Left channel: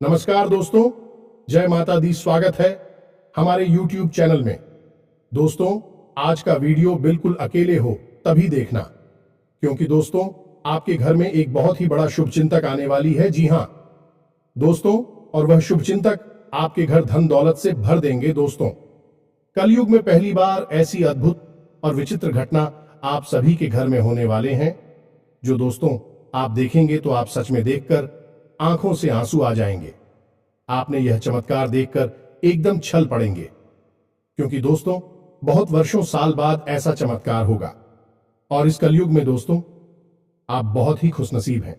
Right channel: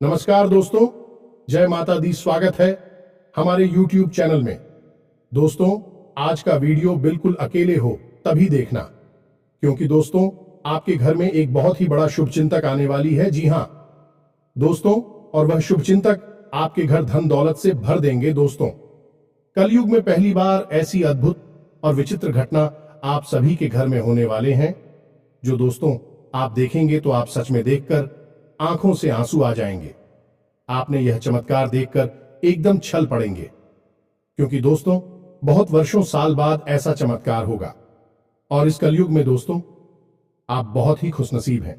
नमस्कार दोस्तों, जय माता दी। स्वागत है हमारे YouTube चैनल में। दोस्तों, आज का वीडियो बिल्कुल अकेले हो तभी देखना, क्योंकि दोस्तों आपके घर में एक बहुत ही बड़ा शुभचिंतक आने वाली है। जी हां दोस्तों, और वह शुभचिंतक आपके घर धन दौलत से भर देंगे। दोस्तों, कलयुग में पहली बार ऐसी अद्भुत और विचित्र घटना आप सभी के घर में होने वाले हैं, जो दोस्तों आप देखेंगे तो आप सच में देखकर आंखों से आंसू आ जाएंगे। आपने यह चमत्कार देखकर एकदम छल पड़ेंगे, क्योंकि दोस्तों बहुत वर्षों साल बाद ऐसा चमत्कार होगा। और इस कलयुग में दोस्तों आप बहुत ही खुशनसीब हैं,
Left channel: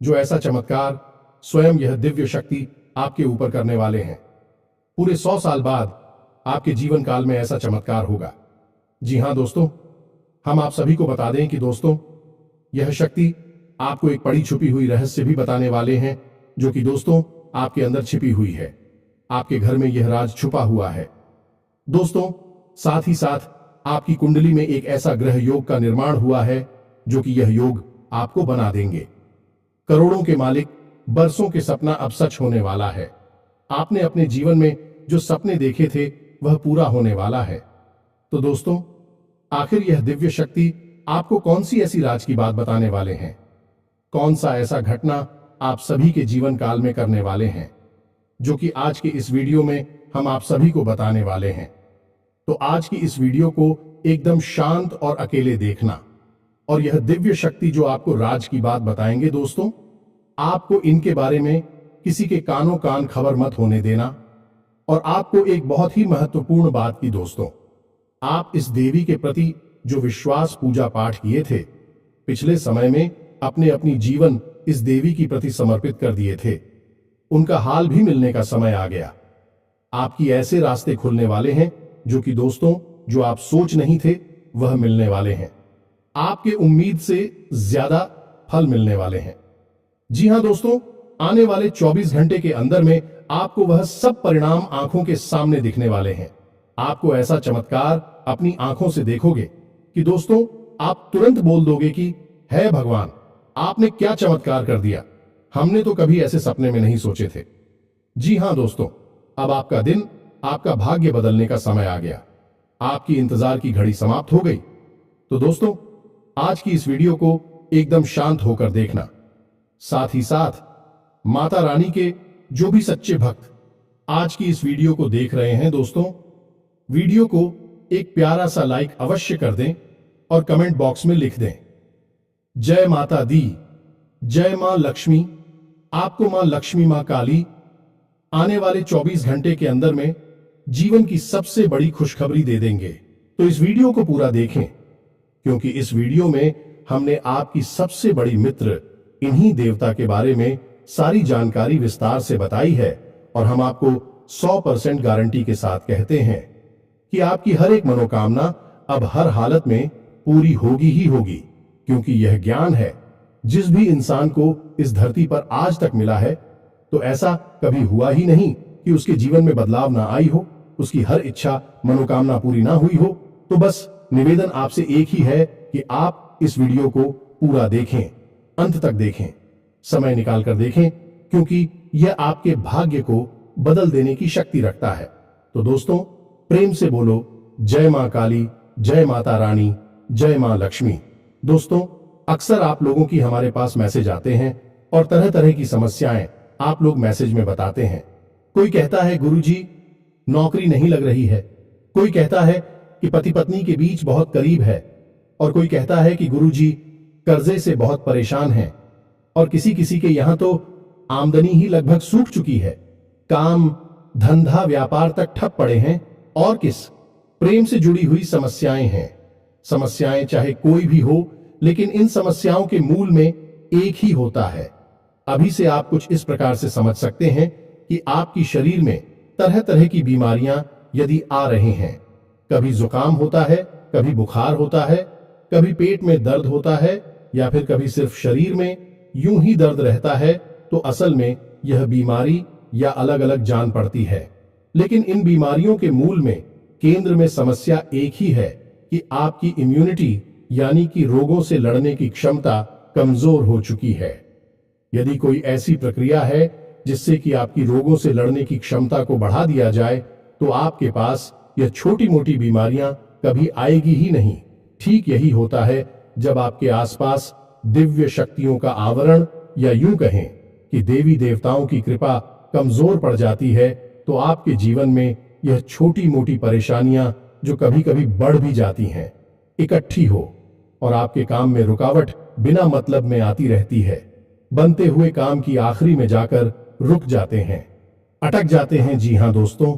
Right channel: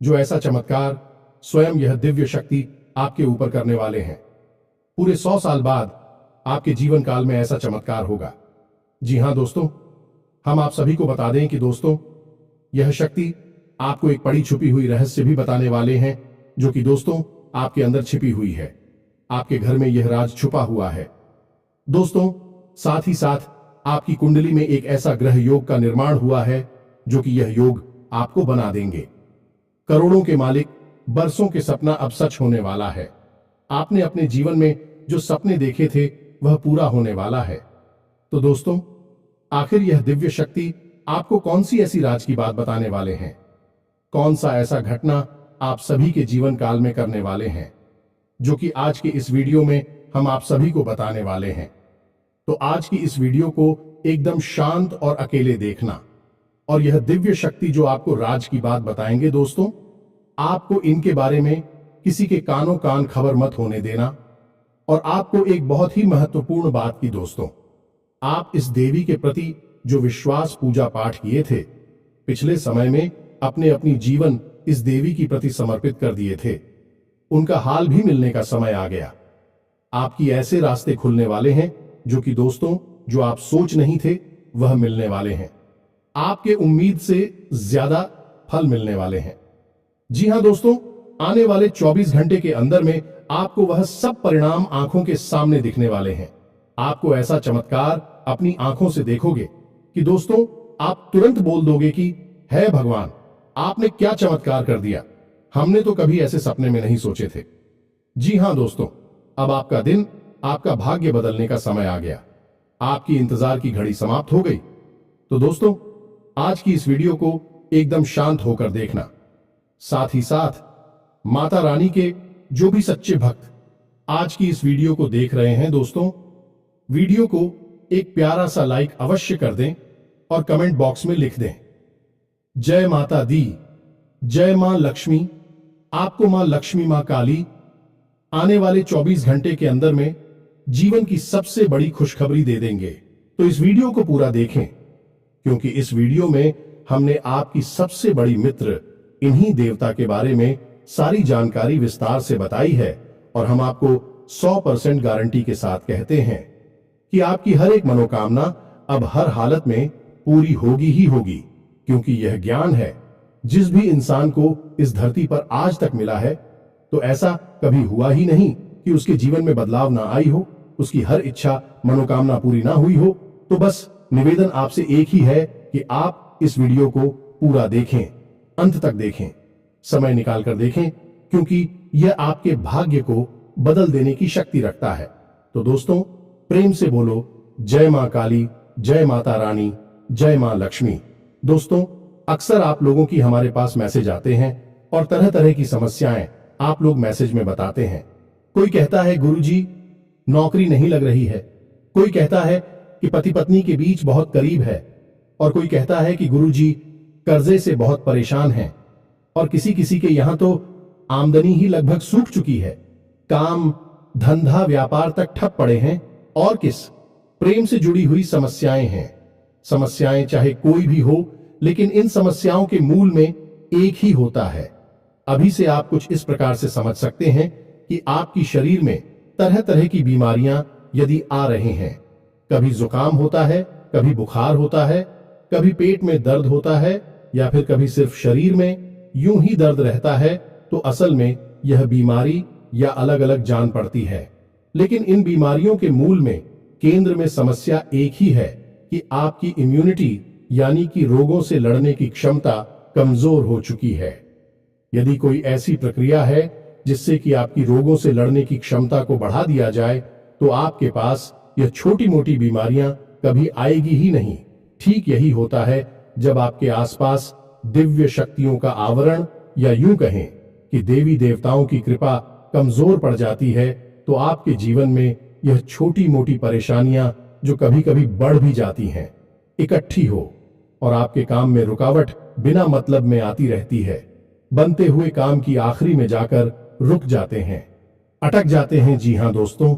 जो ऐसा चमत्कार स्वयं यह दिव्य शक्ति आपके ऊपर करने वाले हैं। पूरे 100 साल बाद आपके जीवन काल में ऐसा चमत्कार होगा। जी हां दोस्तों, हम आप सभी को बता दें कि दोस्तों यह शक्ति आपको एक पड़ी छुपी हुई रहस्य भी बताने वाले हैं, जो कि दोस्तों आपके अंदर छिपी हुई है। आपके घर में यह राज छुपा हुआ है। दोस्तों, साथ ही साथ आपकी कुंडली में एक ऐसा ग्रह योग का निर्माण हुआ है, जो कि यह योग आपको बना देंगे करोड़ों के मालिक। बरसों के सपना अब सच होने वाला है। आपने अपने जीवन में जो सपने देखे थे वह पूरा होने वाला है। तो दोस्तों, आखिर यह दिव्य शक्ति आपको कौन सी ऐसी राज की बात बताने वाले हैं? कौन सा ऐसा घटना आप सभी के जीवन काल में करने वाले हैं, जो कि आज के इस वीडियो में हम आप सभी को बताने वाले हैं। तो आज की इस वीडियो को एकदम शांत और अकेले देखना, और यह दिव्य शक्ति जो आपको राज की बात बताएंगे दोस्तों, आपको इनके बारे में किसी के कानों कान खबर मत होने देना। और आपको एक बहुत ही महत्वपूर्ण बात की दोस्तों, आप इस देवी के प्रति जो विश्वास पूजा पाठ किए थे पिछले समय में, अपने अपनी जीवन इस देवी की प्रति समर्पित कर दिए थे, उनका हाल भी मिलने का समय आ गया। आपकी ऐसे रास्ते खुलने वाले हैं जो कि दोस्तों जो आप सोच नहीं थे वह मिलने वाले हैं। आपके उम्मीद से ज्यादा फल मिलने वाले हैं। जी हां दोस्तों, आने वाले 24 घंटे के अंदर में आपको वह सब परिणाम आंखों के सामने दिखने वाले हैं। आपको ऐसा चमत्कार अपनी आंखों से देखोगे कि दोस्तों आप तुरंत बोल दोगे कि है भगवान, आपने क्या चमत्कार कर दिया। हमने तो कभी ऐसे सपने में नहीं सोचे थे। जी हां दोस्तों, अब आपका दिन, आपका भाग्य बदलने का समय आ गया। आपकी इंतजार की घड़ी समाप्त हो गई। तो दोस्तों आज की इस वीडियो को एकदम शांत होकर देखना। साथ ही साथ माता रानी के जो भी सच्चे भक्त आज की इस वीडियो को देख रहे हैं दोस्तों, वीडियो को एक प्यारा सा लाइक अवश्य कर दें और कमेंट बॉक्स में लिख दें, जय माता दी, जय मां लक्ष्मी। आपको मां लक्ष्मी, मां काली आने वाले 24 घंटे के अंदर में जीवन की सबसे बड़ी खुशखबरी दे देंगे। तो इस वीडियो को पूरा देखें, क्योंकि इस वीडियो में हमने आपकी सबसे बड़ी मित्र इन्हीं देवता के बारे में सारी जानकारी विस्तार से बताई है। और हम आपको 100% गारंटी के साथ कहते हैं कि आपकी हर एक मनोकामना अब हर हालत में पूरी होगी ही होगी, क्योंकि यह ज्ञान है जिस भी इंसान को इस धरती पर आज तक मिला है, तो ऐसा कभी हुआ ही नहीं कि उसके जीवन में बदलाव ना आई हो, उसकी हर इच्छा मनोकामना पूरी ना हुई हो। तो बस निवेदन आपसे एक ही है कि आप इस वीडियो को पूरा देखें, अंत तक देखें, समय निकालकर देखें, क्योंकि यह आपके भाग्य को बदल देने की शक्ति रखता है। तो दोस्तों प्रेम से बोलो, जय मां काली, जय माता रानी, जय मां लक्ष्मी। दोस्तों अक्सर आप लोगों की हमारे पास मैसेज आते हैं और तरह तरह की समस्याएं आप लोग मैसेज में बताते हैं। कोई कहता है गुरुजी नौकरी नहीं लग रही है, कोई कहता है कि पति पत्नी के बीच बहुत करीब है, और कोई कहता है कि गुरुजी कर्जे से बहुत परेशान हैं, और किसी किसी के यहां तो आमदनी ही लगभग सूख चुकी है, काम धंधा व्यापार तक ठप पड़े हैं, और किस प्रेम से जुड़ी हुई समस्याएं हैं। समस्याएं चाहे कोई भी हो, लेकिन इन समस्याओं के मूल में एक ही होता है। अभी से आप कुछ इस प्रकार से समझ सकते हैं कि आपकी शरीर में तरह तरह की बीमारियां यदि आ रही हैं, कभी जुकाम होता है, कभी बुखार होता है, कभी पेट में दर्द होता है, या फिर कभी सिर्फ शरीर में यूं ही दर्द रहता है, तो असल में यह बीमारी या अलग अलग जान पड़ती है। लेकिन इन बीमारियों के मूल में, केंद्र में समस्या एक ही है कि आपकी इम्यूनिटी यानी कि रोगों से लड़ने की क्षमता कमजोर हो चुकी है। यदि कोई ऐसी प्रक्रिया है जिससे कि आपकी रोगों से लड़ने की क्षमता को बढ़ा दिया जाए, तो आपके पास यह छोटी मोटी बीमारियां कभी आएगी ही नहीं। ठीक यही होता है जब आपके आसपास दिव्य शक्तियों का आवरण, या यूं कहें कि देवी देवताओं की कृपा कमजोर पड़ जाती है, तो आपके जीवन में यह छोटी मोटी परेशानियां, जो कभी कभी बढ़ भी जाती हैं, इकट्ठी हो और आपके काम में रुकावट बिना मतलब में आती रहती है। बनते हुए काम की आखिरी में जाकर रुक जाते हैं, अटक जाते हैं। जी हां दोस्तों,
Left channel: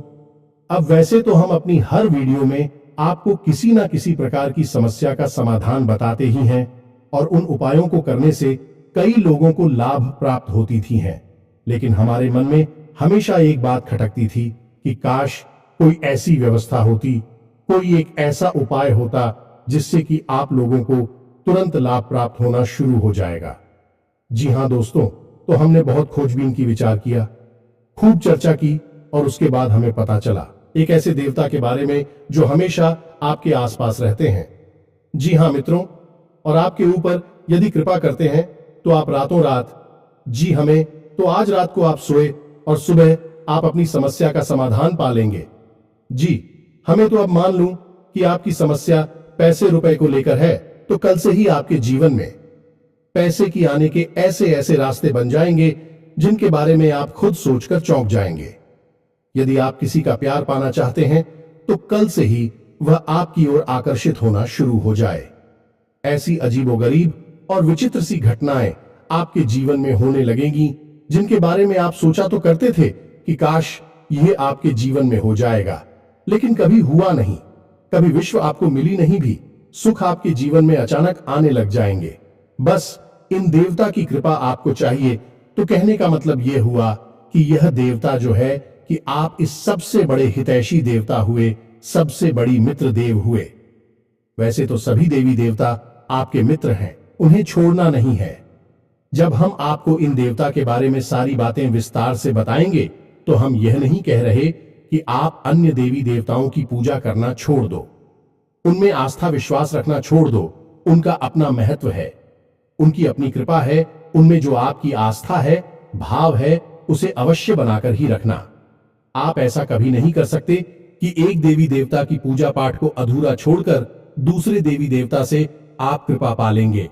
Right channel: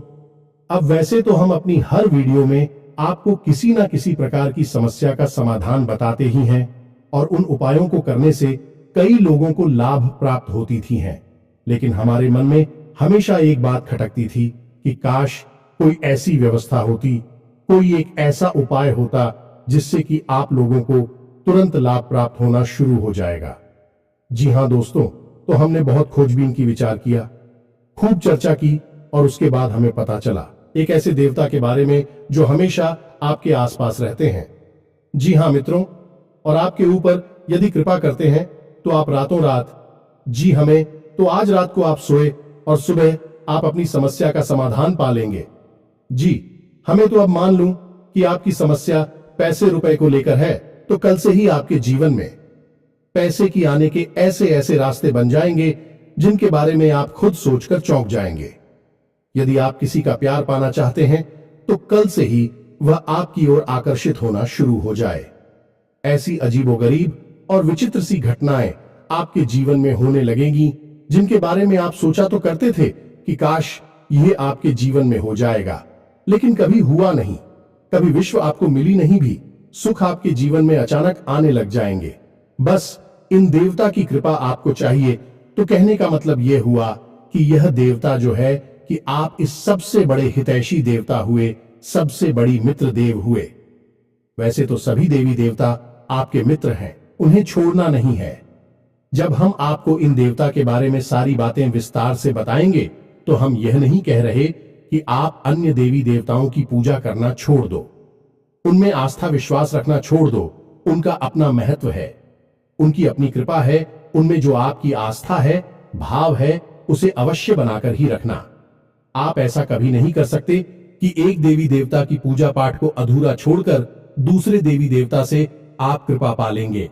अब वैसे तो हम अपनी हर वीडियो में आपको किसी ना किसी प्रकार की समस्या का समाधान बताते ही हैं, और उन उपायों को करने से कई लोगों को लाभ प्राप्त होती थी हैं। लेकिन हमारे मन में हमेशा एक बात खटकती थी कि काश कोई ऐसी व्यवस्था होती, कोई एक ऐसा उपाय होता जिससे कि आप लोगों को तुरंत लाभ प्राप्त होना शुरू हो जाएगा। जी हां दोस्तों, तो हमने बहुत खोजबीन की, विचार किया, खूब चर्चा की, और उसके बाद हमें पता चला एक ऐसे देवता के बारे में जो हमेशा आपके आसपास रहते हैं। जी हां मित्रों, और आपके ऊपर यदि कृपा करते हैं तो आप रातों रात, जी हमें तो आज रात को आप सोए और सुबह आप अपनी समस्या का समाधान पा लेंगे। जी हमें तो अब मान लूं कि आपकी समस्या पैसे रुपए को लेकर है, तो कल से ही आपके जीवन में पैसे की आने के ऐसे ऐसे रास्ते बन जाएंगे जिनके बारे में आप खुद सोचकर चौंक जाएंगे। यदि आप किसी का प्यार पाना चाहते हैं तो कल से ही वह आपकी ओर आकर्षित होना शुरू हो जाए। ऐसी अजीबोगरीब और विचित्र सी घटनाएं आपके जीवन में होने लगेंगी जिनके बारे में आप सोचा तो करते थे कि काश यह आपके जीवन में हो जाएगा, लेकिन कभी हुआ नहीं। कभी विश्व आपको मिली नहीं भी, सुख आपके जीवन में अचानक आने लग जाएंगे। बस इन देवता की कृपा आपको चाहिए। तो कहने का मतलब यह हुआ कि यह देवता जो है कि आप इस सबसे बड़े हितैषी देवता हुए, सबसे बड़ी मित्र देव हुए। वैसे तो सभी देवी देवता आपके मित्र हैं, उन्हें छोड़ना नहीं है। जब हम आपको इन देवता के बारे में सारी बातें विस्तार से बताएंगे तो हम यह नहीं कह रहे कि आप अन्य देवी देवताओं की पूजा करना छोड़ दो, उनमें आस्था विश्वास रखना छोड़ दो। उनका अपना महत्व है, उनकी अपनी कृपा है। उनमें जो आपकी आस्था है, भाव है, उसे अवश्य बनाकर ही रखना। आप ऐसा कभी नहीं कर सकते कि एक देवी देवता की पूजा पाठ को अधूरा छोड़कर दूसरे देवी देवता से आप कृपा पा लेंगे।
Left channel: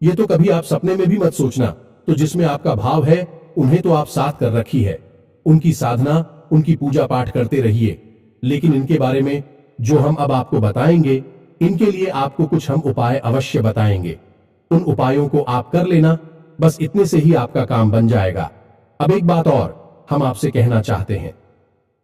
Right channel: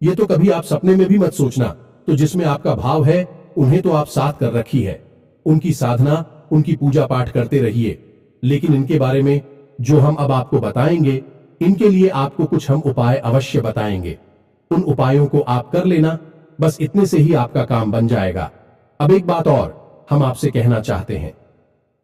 ये तो कभी आप सपने में भी मत सोचना। तो जिसमें आपका भाव है, उन्हें तो आप साथ कर रखी है, उनकी साधना, उनकी पूजा पाठ करते रहिए। लेकिन इनके बारे में जो हम अब आपको बताएंगे, इनके लिए आपको कुछ हम उपाय अवश्य बताएंगे। उन उपायों को आप कर लेना, बस इतने से ही आपका काम बन जाएगा। अब एक बात और हम आपसे कहना चाहते हैं।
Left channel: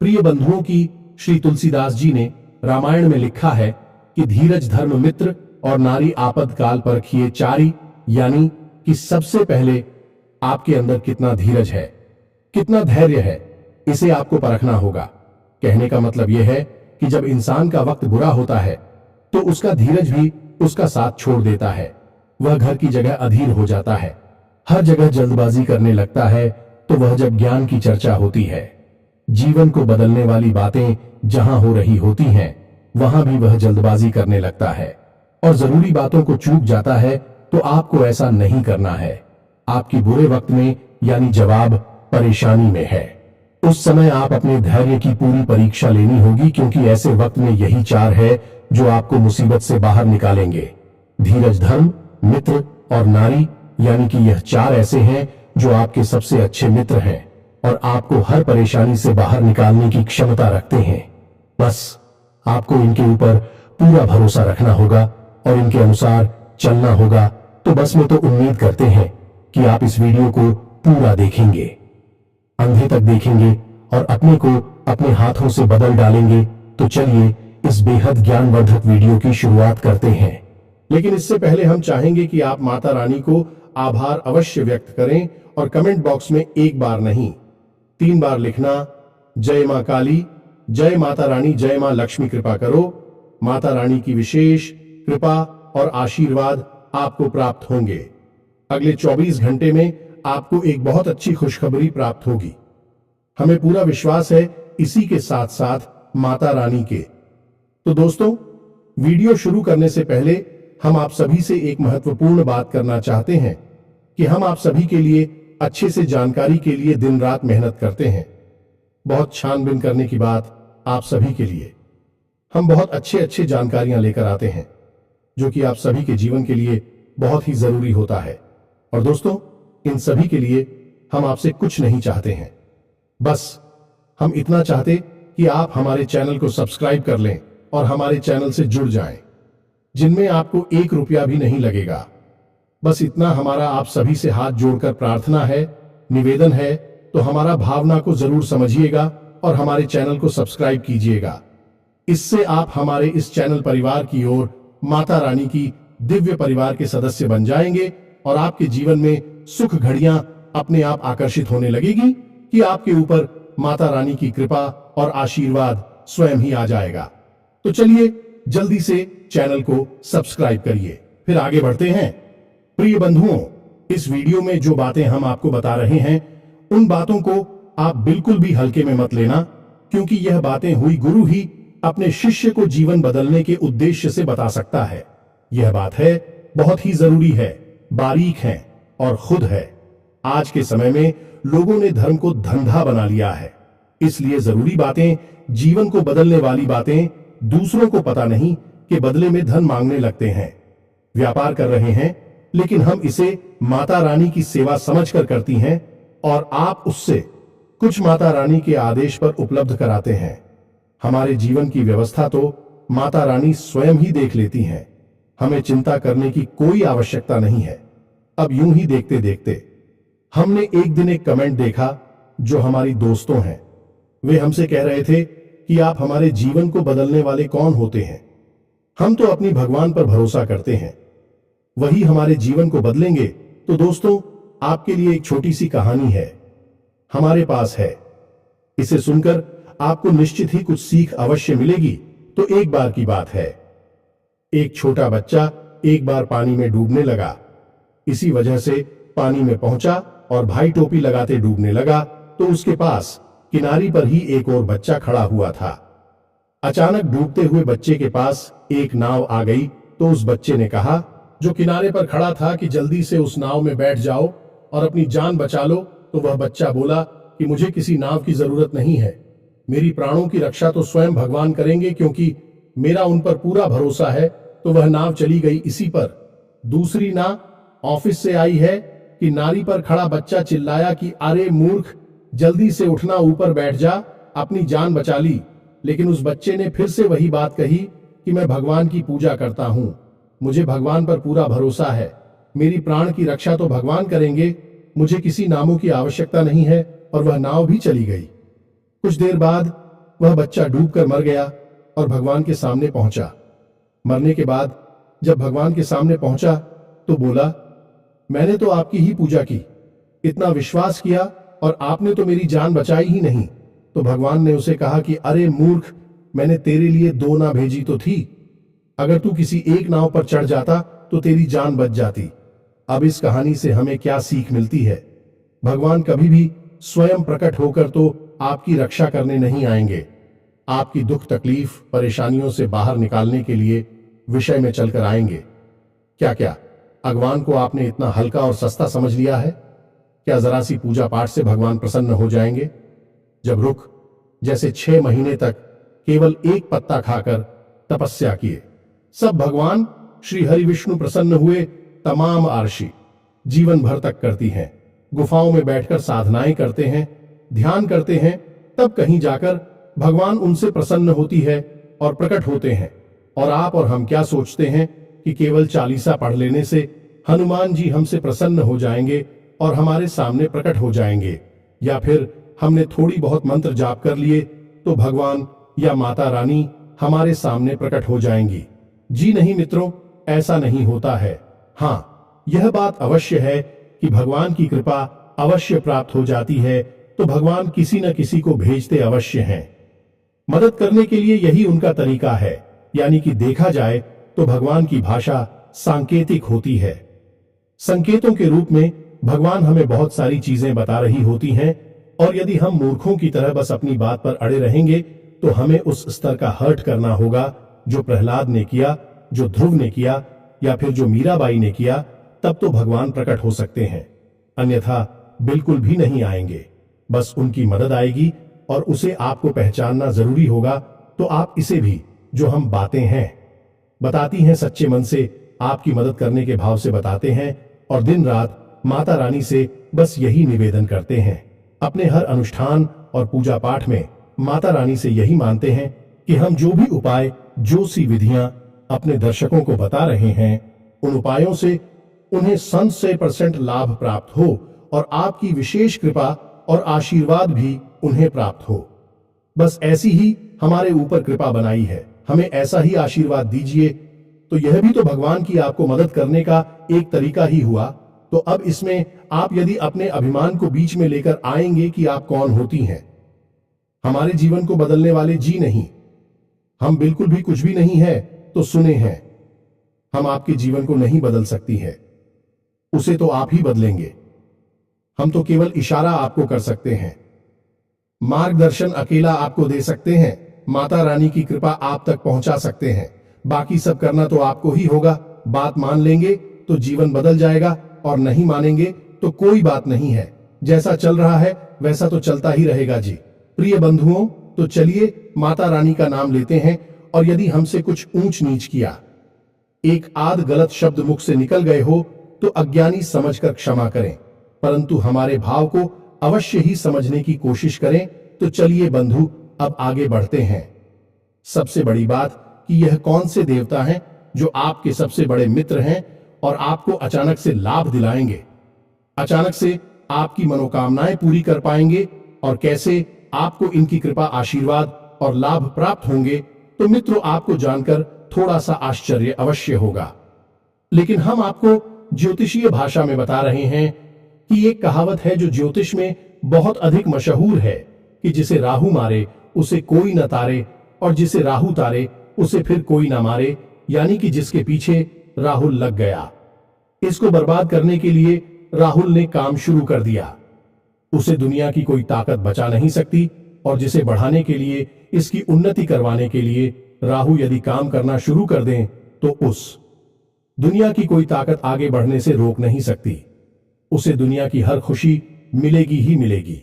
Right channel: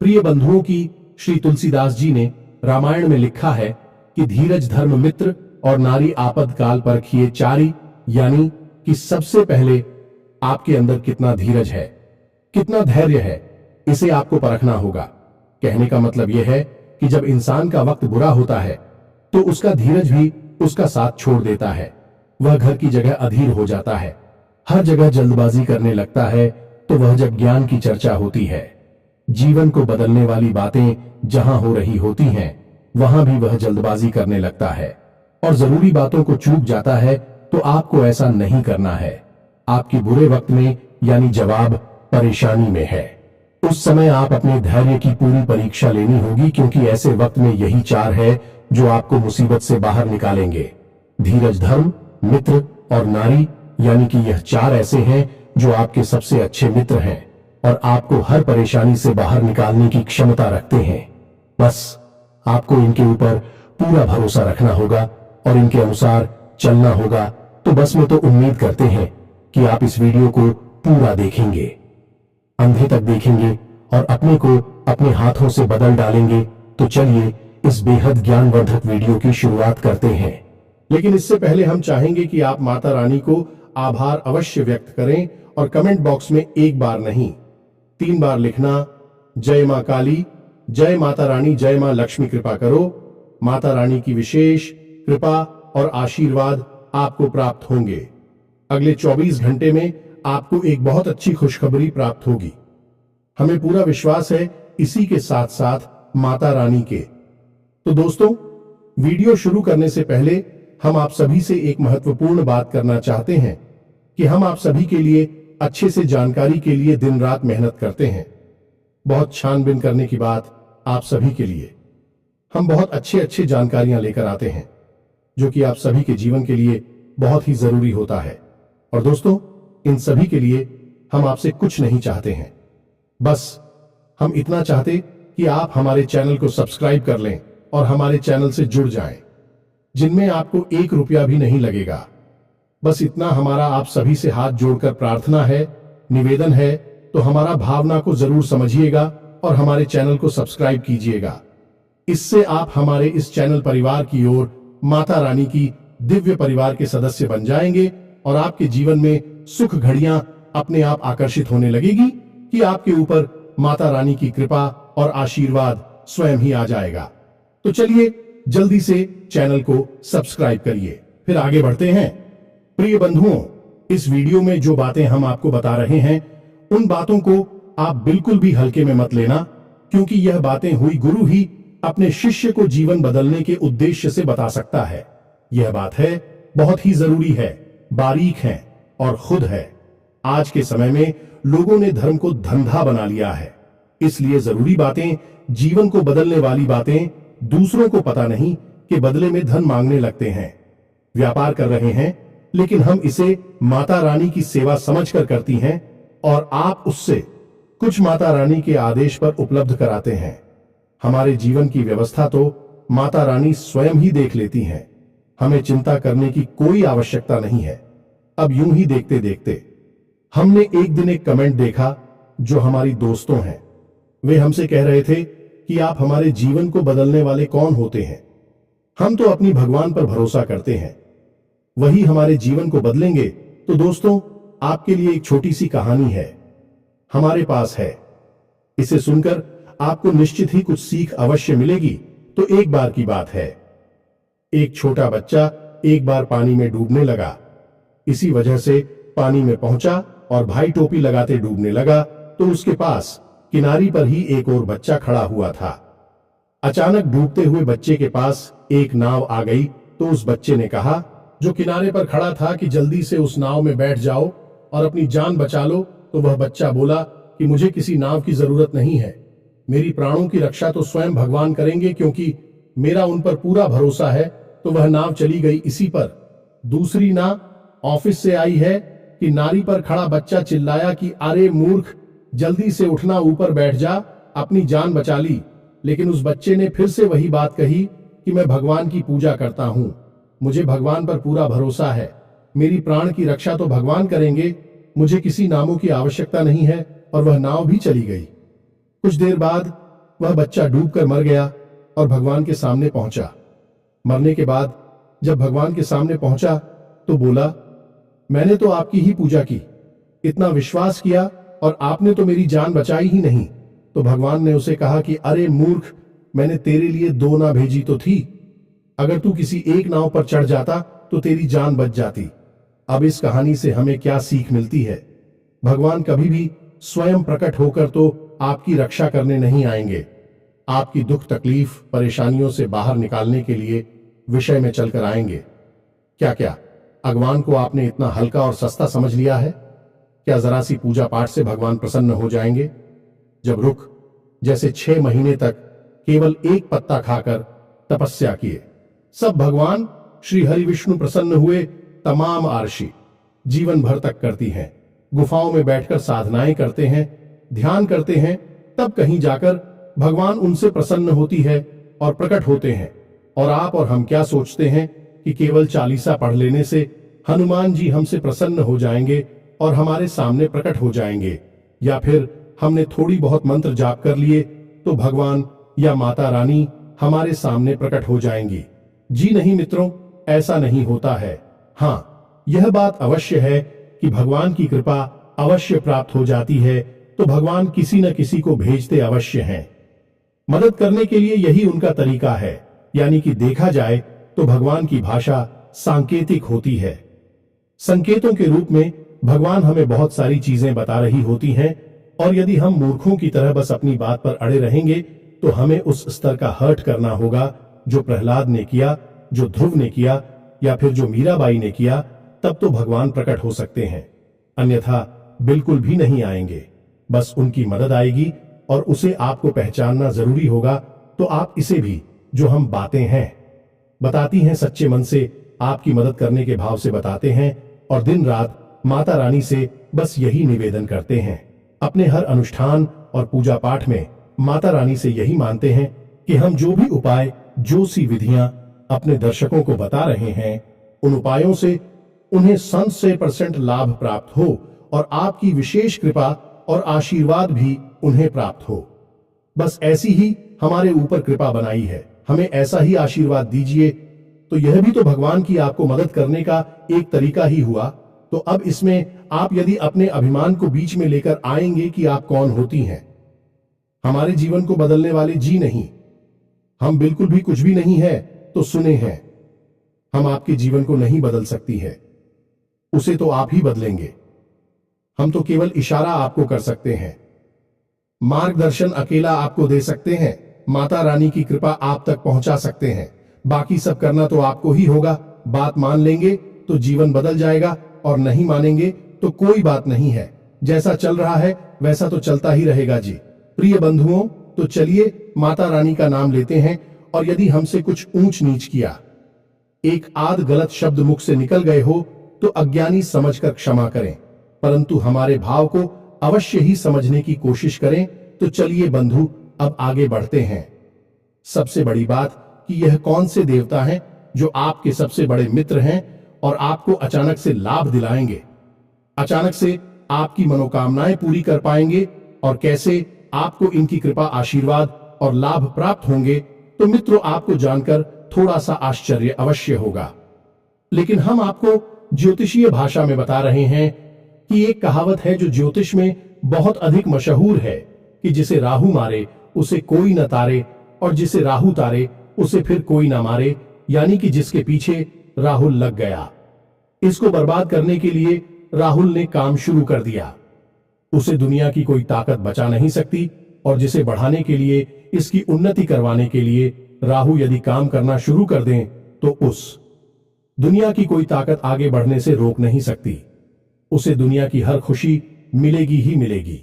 प्रिय बंधुओं की श्री तुलसीदास जी ने रामायण में लिखा है कि धीरज धर्म मित्र और नारी आपद काल परखिए चारी, यानी कि सबसे पहले आपके अंदर कितना धीरज है, कितना धैर्य है, इसे आपको परखना होगा। कहने का मतलब यह है कि जब इंसान का वक्त बुरा होता है तो उसका धीरज भी उसका साथ छोड़ देता है। वह घर की जगह अधीर हो जाता है, हर जगह जल्दबाजी करने लगता है। तो वह जब ज्ञान की चर्चा होती है, जीवन को बदलने वाली बातें जहां हो रही होती हैं, वहां भी वह जल्दबाजी करने लगता है और जरूरी बातों को चूक जाता है। तो आपको ऐसा नहीं करना है। आपके बुरे वक्त में यानी जवाब परेशानी में है, उस समय आप अपने धैर्य की पूरी परीक्षा लेनी होगी, क्योंकि ऐसे वक्त में यही चार है जो आपको मुसीबत से बाहर निकालेंगे। धीरज धर्म मित्र और नारी, यानी कि यह चार ऐसे हैं जो आपके सबसे अच्छे मित्र हैं और आपको हर परेशानी से बाहर निकालने की क्षमता रखते हैं। बस आपको इनके ऊपर पूरा भरोसा रखना होगा और इनके अनुसार चलना होगा। तो बस मैं तो उम्मीद करते हैं कि आप इस वीडियो को पूरा देखेंगे, अंधे तक देखेंगे और अपने को अपने हाथों से बदल डालेंगे। तो चलिए इस बेहद ज्ञानवर्धक वीडियो की शुरुआत करते हैं। लेकिन इससे पहले हम चाहेंगे कि आप माता रानी को आभार अवश्य व्यक्त करें और कमेंट बॉक्स में एक बार नहीं 3 बार लिखना, जय मां काली, जय माता रानी, जय मां लक्ष्मी कृपा करो। माता रानी की विशेष कृपा और आशीर्वाद आपको प्राप्त होंगे। अगले 24 घंटे में आपको एक बहुत अच्छी खुशखबरी प्राप्त होगी। हमें पूरा विश्वास है इसी के साथ साथ माता रानी के। तो दोस्तों, वीडियो शुरू करने से पहले हम आप सभी से एक महत्वपूर्ण बात करना चाहते हैं कि हम आप सभी के लिए अच्छे से जानकारी के लिए दिन रात मेहनत करते हैं। बहुत छानबीन करने की बात आप सभी के लिए हम बहुत अच्छे अच्छे जानकारियां लेकर आते हैं, जो कि आप सभी के जीवन के लिए बहुत ही जरूरी होता है। और दोस्तों, इन सभी के लिए हम आपसे कुछ नहीं चाहते हैं, बस हम इतना चाहते कि आप हमारे चैनल को सब्सक्राइब कर लें और हमारे चैनल से जुड़ जाएं, जिनमें आपको 1 रुपया भी नहीं लगेगा। बस इतना हमारा आप सभी से हाथ जोड़कर प्रार्थना है, निवेदन है। तो हमारा भावना को जरूर समझिएगा और हमारे चैनल को सब्सक्राइब कीजिएगा। इससे आप हमारे इस चैनल परिवार की ओर माता रानी की दिव्य परिवार के सदस्य बन जाएंगे और आपके जीवन में सुख घड़ियां अपने आप आकर्षित होने लगेगी कि आपके ऊपर माता रानी की कृपा और आशीर्वाद स्वयं ही आ जाएगा। तो चलिए जल्दी से चैनल को सब्सक्राइब करिए। फिर आगे बढ़ते हैं। प्रिय बंधुओं, इस वीडियो में जो बातें हम आपको बता रहे हैं, उन बातों को आप बिल्कुल भी हल्के में मत लेना, क्योंकि यह बातें हुई गुरु ही अपने शिष्य को जीवन बदलने के उद्देश्य से बता सकता है। यह बात है, बहुत ही जरूरी है, बारीक है और खुद है। आज के समय में लोगों ने धर्म को धंधा बना लिया है, इसलिए जरूरी बातें, जीवन को बदलने वाली बातें दूसरों को पता नहीं कि बदले में धन मांगने लगते हैं। व्यापार कर रहे हैं, लेकिन हम इसे माता रानी की सेवा समझकर करती हैं और आप उससे कुछ माता रानी के आदेश पर उपलब्ध कराते हैं। हमारे जीवन की व्यवस्था तो माता रानी स्वयं ही देख लेती हैं, हमें चिंता करने की कोई आवश्यकता नहीं है। अब यूं ही देखते देखते हमने एक दिन एक कमेंट देखा जो हमारी दोस्तों हैं। वे हमसे कह रहे थे कि आप हमारे जीवन को बदलने वाले कौन होते हैं? हम तो अपनी भगवान पर भरोसा करते हैं, वही हमारे जीवन को बदलेंगे। तो दोस्तों, आपके लिए एक छोटी सी कहानी है, हमारे पास है। इसे सुनकर आपको निश्चित ही कुछ सीख अवश्य मिलेगी। तो एक बार की बात है, एक छोटा बच्चा एक बार पानी में डूबने लगा। इसी वजह से पानी में पहुंचा और भाई टोपी लगाते डूबने लगा, तो उसके पास किनारी पर ही एक और बच्चा खड़ा हुआ था। अचानक डूबते हुए बच्चे के पास एक नाव आ गई, तो उस बच्चे ने कहा, जो किनारे पर खड़ा था, कि जल्दी से उस नाव में बैठ जाओ और अपनी जान बचा लो। तो वह बच्चा बोला कि मुझे किसी नाव की जरूरत नहीं है, मेरी प्राणों की रक्षा तो स्वयं भगवान करेंगे, क्योंकि मेरा उन पर पूरा भरोसा है। तो वह नाव चली गई इसी पर। दूसरी नाव ऑफिस से आई है कि नारी पर खड़ा बच्चा चिल्लाया कि अरे मूर्ख, जल्दी से उठना, ऊपर बैठ जा, अपनी जान बचा ली। लेकिन उस बच्चे ने फिर से वही बात कही कि मैं भगवान की पूजा करता हूं, मुझे भगवान पर पूरा भरोसा है, मेरी प्राण की रक्षा तो भगवान करेंगे, मुझे किसी नामों की आवश्यकता नहीं है। और वह नाव भी चली गई। कुछ देर बाद वह बच्चा डूबकर मर गया और भगवान के सामने पहुंचा। मरने के बाद जब भगवान के सामने पहुंचा तो बोला, मैंने तो आपकी ही पूजा की, इतना विश्वास किया, और आपने तो मेरी जान बचाई ही नहीं। तो भगवान ने उसे कहा कि अरे मूर्ख, मैंने तेरे लिए 2 नाव भेजी तो थी, अगर तू किसी एक नाव पर चढ़ जाता तो तेरी जान बच जाती। अब इस कहानी से हमें क्या सीख मिलती है? भगवान कभी भी स्वयं प्रकट होकर तो आपकी रक्षा करने नहीं आएंगे, आपकी दुख तकलीफ परेशानियों से बाहर निकालने के लिए विषय में चलकर आएंगे। क्या क्या भगवान को आपने इतना हल्का और सस्ता समझ लिया है? क्या जरा सी पूजा पाठ से भगवान प्रसन्न हो जाएंगे? जब रुख जैसे 6 महीने तक केवल एक पत्ता खाकर तपस्या किए, सब भगवान श्री हरि विष्णु प्रसन्न हुए। तमाम आरशी जीवन भर तक करती हैं, गुफाओं में बैठकर साधनाएं करते हैं, ध्यान करते हैं, तब कहीं जाकर भगवान उनसे प्रसन्न होती है और प्रकट होते हैं। और आप और हम क्या सोचते हैं कि केवल चालीसा पढ़ लेने से हनुमान जी हमसे प्रसन्न हो जाएंगे और हमारे सामने प्रकट हो जाएंगे, या फिर हमने थोड़ी बहुत मंत्र जाप कर लिए तो भगवान या माता रानी हमारे सामने प्रकट हो जाएंगी। जी नहीं मित्रों, ऐसा नहीं होता है। हाँ, यह बात अवश्य है कि भगवान की कृपा अवश्य प्राप्त हो जाती है, तो भगवान किसी न किसी को भेजते अवश्य हैं। मदद करने के लिए यही उनका तरीका है, यानी कि देखा जाए तो भगवान की भाषा सांकेतिक होती है। संकेतों के रूप में भगवान हमें बहुत सारी चीजें बता रही होती हैं, और यदि हम मूर्खों की तरह बस अपनी बात पर अड़े रहेंगे तो हमें उस स्तर का हर्ट करना होगा जो प्रहलाद ने किया, जो ध्रुव ने किया, या फिर जो मीराबाई ने किया। तब तो भगवान प्रकट हो सकते हैं, अन्यथा बिल्कुल भी नहीं आएंगे, बस उनकी मदद आएगी और उसे आपको पहचानना जरूरी होगा। तो आप इसे भी, जो हम बातें हैं बताती हैं, सच्चे मन से आपकी मदद करने के भाव से बताते हैं और दिन रात माता रानी से बस यही निवेदन करते हैं। अपने हर अनुष्ठान और पूजा पाठ में माता रानी से यही मानते हैं कि हम जो भी उपाय, जो सी विधियां अपने दर्शकों को बता रहे हैं, उन उपायों से उन्हें 100% लाभ प्राप्त हो और आपकी विशेष कृपा और आशीर्वाद भी उन्हें प्राप्त हो। बस ऐसी ही हमारे ऊपर कृपा बनाई है, हमें ऐसा ही आशीर्वाद दीजिए। तो यह भी तो भगवान की आपको मदद करने का एक तरीका ही हुआ। तो अब इसमें आप यदि अपने अभिमान को बीच में लेकर आएंगे कि आप कौन होती हैं, हमारे जीवन को बदलने वाले जी नहीं, हम बिल्कुल भी कुछ भी नहीं है, तो सुने हैं, हम आपके जीवन को नहीं बदल सकती है, उसे तो आप ही बदलेंगे। हम तो केवल इशारा आपको कर सकते हैं, मार्गदर्शन अकेला आपको दे सकते हैं, माता रानी की कृपा आप तक पहुंचा सकते हैं। बाकी सब करना तो आपको ही होगा। बात मान लेंगे तो जीवन बदल जाएगा और नहीं मानेंगे तो कोई बात नहीं है, जैसा चल रहा है वैसा तो चलता ही रहेगा जी। प्रिय बंधुओं, तो चलिए माता रानी का नाम लेते हैं और यदि हमसे कुछ ऊंच नीच किया, एक आध गलत शब्द मुख से निकल गए हो तो अज्ञानी समझकर क्षमा करें, परंतु हमारे भाव को अवश्य ही समझने की कोशिश करें। तो चलिए बंधु, अब आगे बढ़ते हैं। सबसे बड़ी बात कि यह कौन से देवता हैं जो आपके सबसे बड़े मित्र हैं और आपको अचानक से लाभ दिलाएंगे, अचानक से आपकी मनोकामनाएं पूरी कर पाएंगे, और कैसे आपको इनकी कृपा, आशीर्वाद और लाभ प्राप्त होंगे। तो मित्रों, आपको जानकर थोड़ा सा आश्चर्य अवश्य होगा, लेकिन हम आपको ज्योतिषीय भाषा में बता रहे हैं कि एक कहावत है जो ज्योतिष में बहुत अधिक मशहूर है कि जिसे राहु मारे उसे कोई न तारे, और जिसे राहु तारे उसे फिर कोई ना मारे, यानी कि जिसके पीछे राहुल लग गया, इसको बर्बाद करने के लिए राहुल ने काम शुरू कर दिया, उसे दुनिया की कोई ताकत बचा नहीं सकती। और जिसे बढ़ाने के लिए, इसकी उन्नति करवाने के लिए राहु यदि काम करना शुरू कर दें तो उस दुनिया की कोई ताकत आगे बढ़ने से रोक नहीं सकती, उसे दुनिया की हर खुशी मिलेगी ही मिलेगी।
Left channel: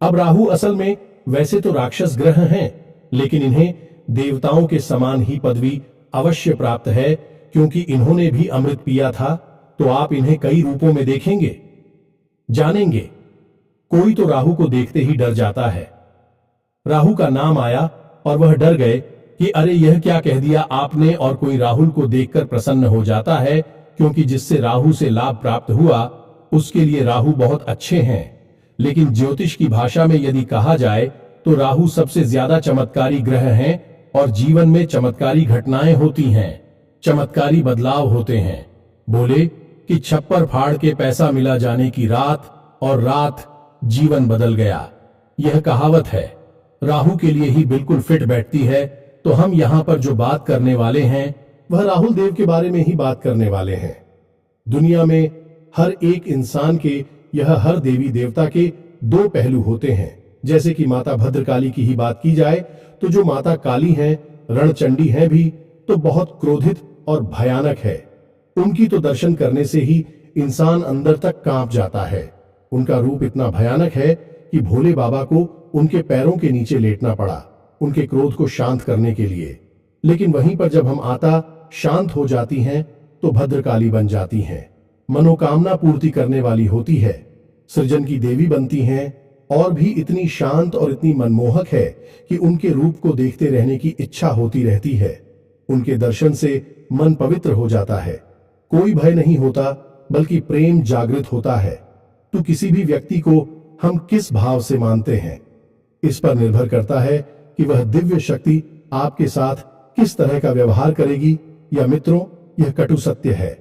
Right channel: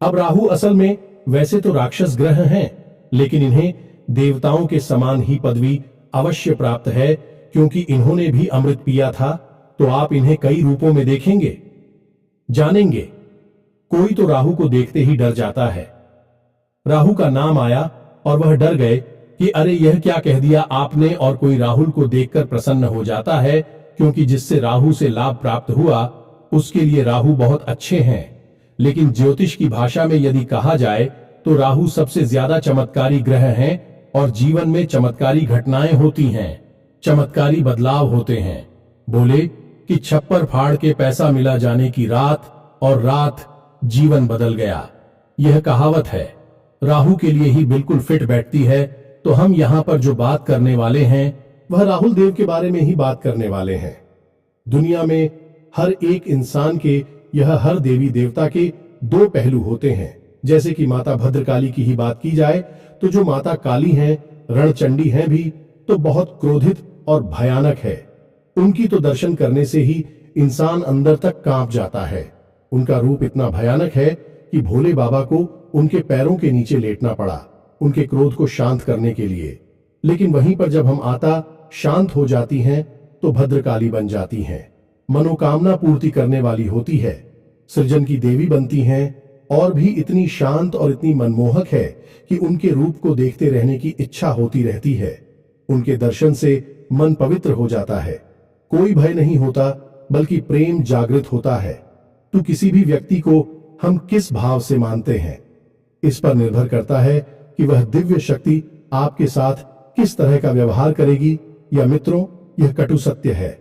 अब राहु असल में वैसे तो राक्षस ग्रह हैं, लेकिन इन्हें देवताओं के समान ही पदवी अवश्य प्राप्त है, क्योंकि इन्होंने भी अमृत पिया था। तो आप इन्हें कई रूपों में देखेंगे, जानेंगे। कोई तो राहु को देखते ही डर जाता है। राहु का नाम आया और वह डर गए कि अरे यह क्या कह दिया आपने, और कोई राहुल को देखकर प्रसन्न हो जाता है, क्योंकि जिससे राहु से लाभ प्राप्त हुआ उसके लिए राहु बहुत अच्छे हैं। लेकिन ज्योतिष की भाषा में यदि कहा जाए तो राहु सबसे ज्यादा चमत्कारी ग्रह हैं और जीवन में चमत्कारी घटनाएं होती हैं, चमत्कारी बदलाव होते हैं। बोले कि छप्पर फाड़ के पैसा मिला जाने की रात, और रात जीवन बदल गया। यह कहावत है, राहु के लिए ही बिल्कुल फिट बैठती है। तो हम यहां पर जो बात करने वाले हैं वह राहुल देव के बारे में ही बात करने वाले हैं। दुनिया में हर एक इंसान के, यह हर देवी देवता के दो पहलू होते हैं। जैसे कि माता भद्रकाली की ही बात की जाए तो जो माता काली हैं, रणचंडी हैं भी, तो बहुत क्रोधित और भयानक है। उनकी तो दर्शन करने से ही इंसान अंदर तक कांप जाता है। उनका रूप इतना भयानक है कि भोले बाबा को उनके पैरों के नीचे लेटना पड़ा उनके क्रोध को शांत करने के लिए। लेकिन वहीं पर जब हम आता शांत हो जाती हैं तो भद्रकाली बन जाती हैं, मनोकामना पूर्ति करने वाली होती है, सृजन की देवी बनती हैं, और भी इतनी शांत और इतनी मनमोहक है कि उनके रूप को देखते रहने की इच्छा होती रहती है। उनके दर्शन से मन पवित्र हो जाता है, कोई भय नहीं होता, बल्कि प्रेम जागृत होता है। तो किसी भी व्यक्ति को हम किस भाव से मानते हैं, इस पर निर्भर करता है कि वह दिव्य शक्ति आपके साथ किस तरह का व्यवहार करेगी। या मित्रों, यह कटु सत्य है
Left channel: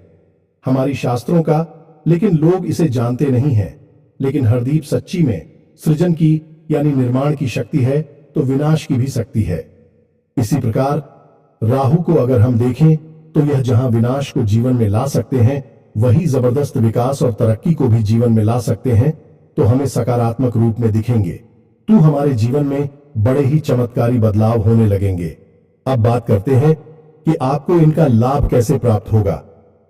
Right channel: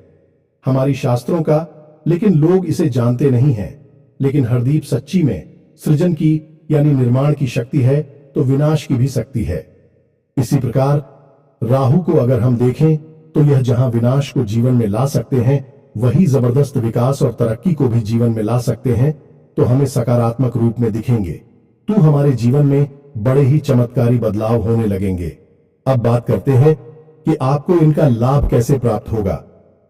हमारी शास्त्रों का, लेकिन लोग इसे जानते नहीं हैं। लेकिन हरदीप सच्ची में सृजन की यानी निर्माण की शक्ति है तो विनाश की भी शक्ति है। इसी प्रकार राहु को अगर हम देखें तो यह जहां विनाश को जीवन में ला सकते हैं, वही जबरदस्त विकास और तरक्की को भी जीवन में ला सकते हैं। तो हमें सकारात्मक रूप में दिखेंगे, तो हमारे जीवन में बड़े ही चमत्कारी बदलाव होने लगेंगे। अब बात करते हैं कि आपको इनका लाभ कैसे प्राप्त होगा,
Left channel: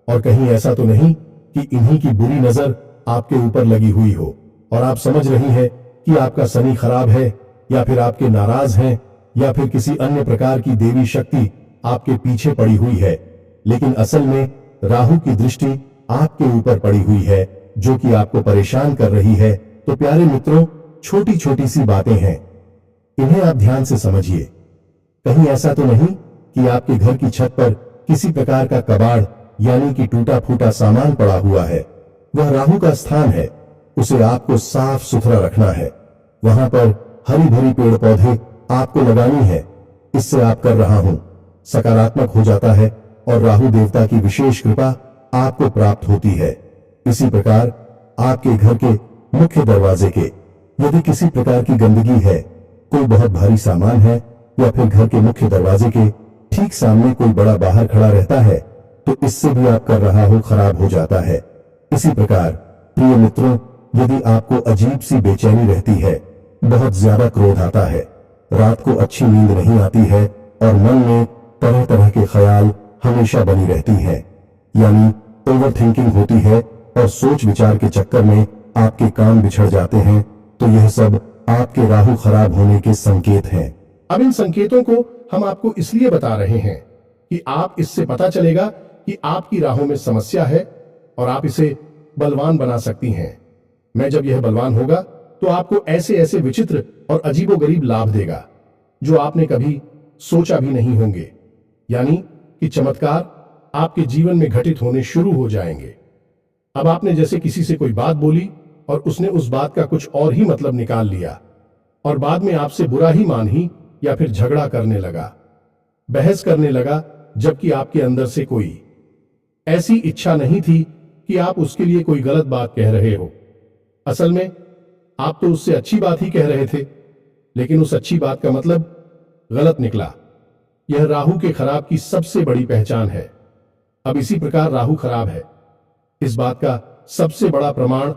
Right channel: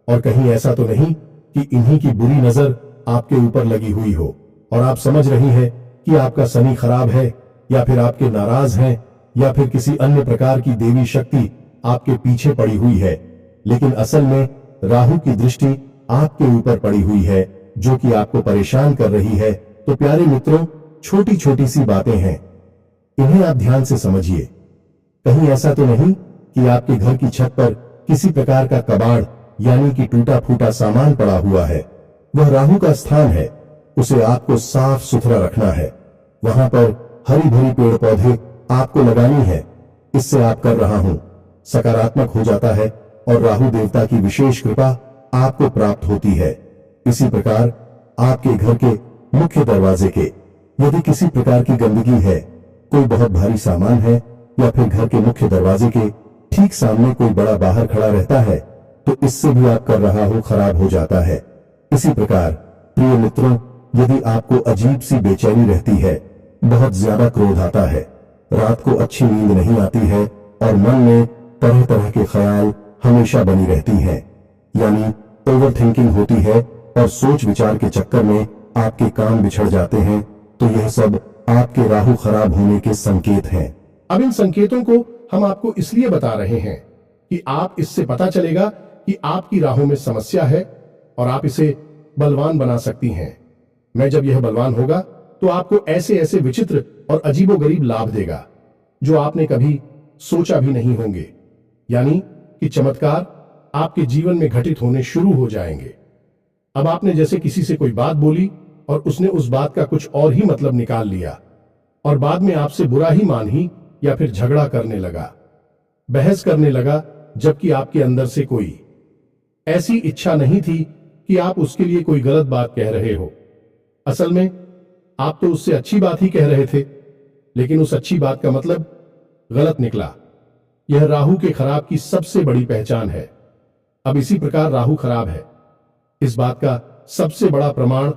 और कहीं ऐसा तो नहीं कि इन्हीं की बुरी नजर आपके ऊपर लगी हुई हो। और आप समझ रही है कि आपका शनि खराब है, या फिर आपके नाराज हैं, या फिर किसी अन्य प्रकार की देवी शक्ति आपके पीछे पड़ी हुई है। लेकिन असल में राहु की दृष्टि आपके ऊपर पड़ी हुई है, जो कि आपको परेशान कर रही है। तो प्यारे मित्रों, छोटी छोटी सी बातें हैं, इन्हें आप ध्यान से समझिए। कहीं ऐसा तो नहीं कि आपके घर की छत पर किसी प्रकार का कबाड़ यानी कि टूटा फूटा सामान पड़ा हुआ है। वह राहु का स्थान है, उसे आपको साफ सुथरा रखना है। वहां पर हरी भरी पेड़ पौधे आपको लगानी है। इससे आप कर रहा हूं सकारात्मक हो जाता है और राहु देवता की विशेष कृपा आपको प्राप्त होती है। इसी प्रकार आपके घर के मुख्य दरवाजे के यदि किसी प्रकार की गंदगी है, कोई बहुत भारी सामान है, या फिर घर के मुख्य दरवाजे के ठीक सामने कोई बड़ा बाहर खड़ा रहता है, तो इससे भी आप कर रहा हो खराब हो जाता है। इसी प्रकार प्रिय मित्रों, यदि आपको अजीब सी बेचैनी रहती है, बहुत ज्यादा क्रोध आता है, रात को अच्छी नींद नहीं आती है और मन में तरह तरह के ख्याल हमेशा बनी रहती हैं, यानी ओवर थिंकिंग होती है और सोच विचार के चक्कर में आपके काम बिछड़ जाते हैं, तो यह सब आपके राहु खराब होने के संकेत हैं। अब इन संकेतों को हम आपको इसलिए बता रहे हैं कि आप इससे पता चलेगा कि आपकी राहों में समस्या है और आप इसे बलवान बना सकती हैं। मैं जब यह बलवान होगा तो आपको ऐसे ऐसे विचित्र और अजीबोगरीब लाभ देगा जो आपने कभी सोचा भी नहीं होंगे, यानी कि चमत्कार आपके जीवन में घटित होने शुरू हो जाएंगे। अब आपने जैसे किसी से कोई बात बोली और उसने उस बात का कुछ और ही मतलब निकाल लिया और बाद में आपसे बुरा ही मान ही या फिर झगड़ा करने लगा, बहस करने लगा, जबकि आपके अंदर से कोई ऐसी इच्छा नहीं थी कि आप उसके लिए कोई गलत बात कह रहे हो। असल में आप तो उससे अच्छी बात ही कह रहे थे, लेकिन उस अच्छी बात का मतलब गलत निकला। यह राहु के खराब की सबसे बड़ी पहचान है। अब इसी प्रकार राहु खराब है, इस बात का सबसे बड़ा प्रमाण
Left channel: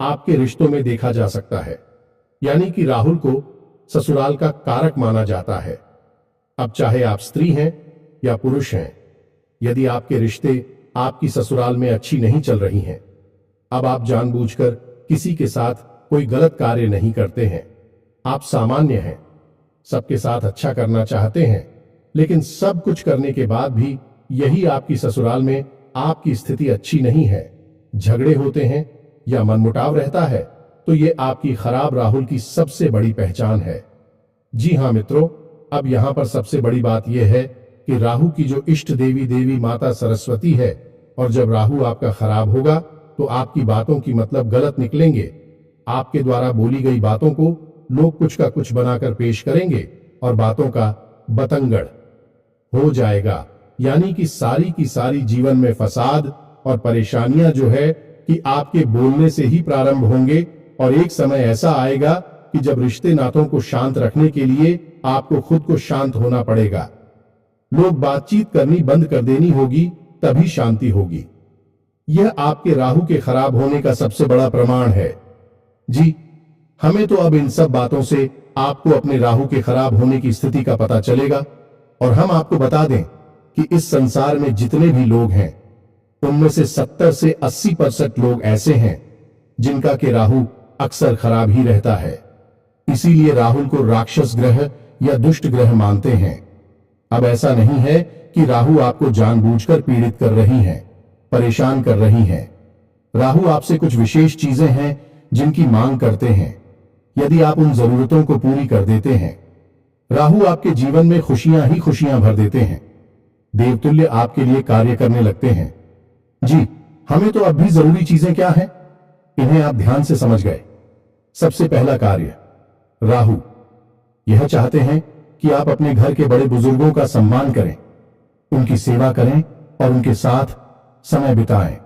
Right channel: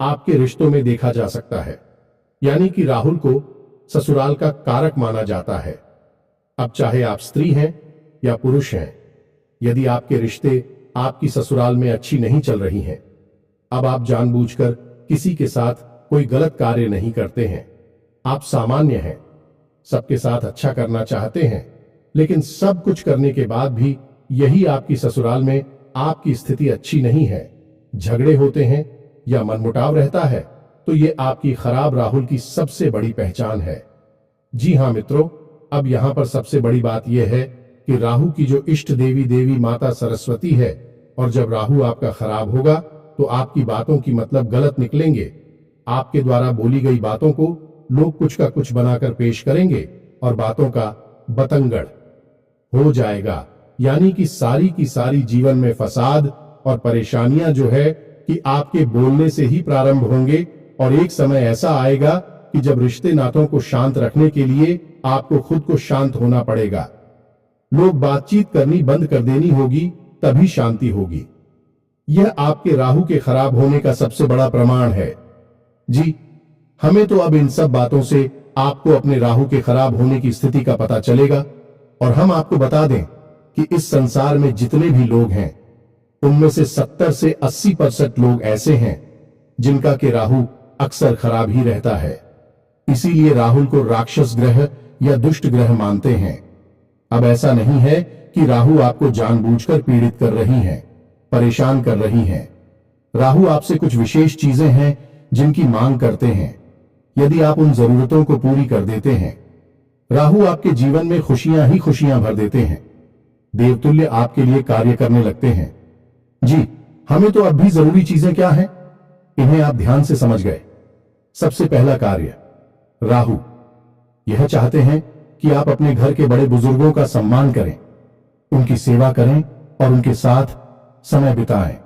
आपके रिश्तों में देखा जा सकता है, यानी कि राहु को ससुराल का कारक माना जाता है। अब चाहे आप स्त्री हैं या पुरुष हैं, यदि आपके रिश्ते आपकी ससुराल में अच्छी नहीं चल रही हैं, अब आप जानबूझकर किसी के साथ कोई गलत कार्य नहीं करते हैं। आप सामान्य हैं, सबके साथ अच्छा करना चाहते हैं, लेकिन सब कुछ करने के बाद भी यही आपकी ससुराल में आपकी स्थिति अच्छी नहीं है, झगड़े होते हैं या मनमुटाव रहता है, तो ये आपकी खराब राहु की सबसे बड़ी पहचान है। जी हां मित्रों, अब यहां पर सबसे बड़ी बात यह है कि राहु की जो इष्ट देवी माता सरस्वती है, और जब राहु आपका खराब होगा तो आपकी बातों की मतलब गलत निकलेंगे। आपके द्वारा बोली गई बातों को लोग कुछ का कुछ बनाकर पेश करेंगे और बातों का बतंगड़ हो जाएगा, यानी कि सारी की सारी जीवन में फसाद और परेशानियां जो है कि आपके बोलने से ही प्रारंभ होंगे, और एक समय ऐसा आएगा कि जब रिश्ते नातों को शांत रखने के लिए आपको खुद को शांत होना पड़ेगा। लोग बातचीत करनी बंद कर देनी होगी, तभी शांति होगी। यह आपके राहु के खराब होने का सबसे बड़ा प्रमाण है। जी, हमें तो अब इन सब बातों से आपको अपने राहु के खराब होने की स्थिति का पता चलेगा, और हम आपको बता दें कि इस संसार में जितने भी लोग हैं, उनमें से 70 से 80% लोग ऐसे हैं जिनका के राहु अक्सर खराब ही रहता है। इसीलिए राहु को राक्षस ग्रह या दुष्ट ग्रह मानते हैं। अब ऐसा नहीं है कि राहु आपको जानबूझकर पीड़ित कर रही हैं, परेशान कर रही हैं। राहु आपसे कुछ विशेष चीजें हैं जिनकी मांग करते हैं। यदि आप उन जरूरतों को पूरी कर देते हैं, राहु आपके जीवन में खुशियां ही खुशियां भर देते हैं, देवतुल्य आपके लिए कार्य करने लगते हैं। जी, हमें तो अब भी जरूरी चीजें क्या हैं, इन्हें आप ध्यान से समझ गए। सबसे पहला कार्य, राहु यह चाहते हैं कि आप अपने घर के बड़े बुजुर्गों का सम्मान करें, उनकी सेवा करें और उनके साथ समय बिताएं।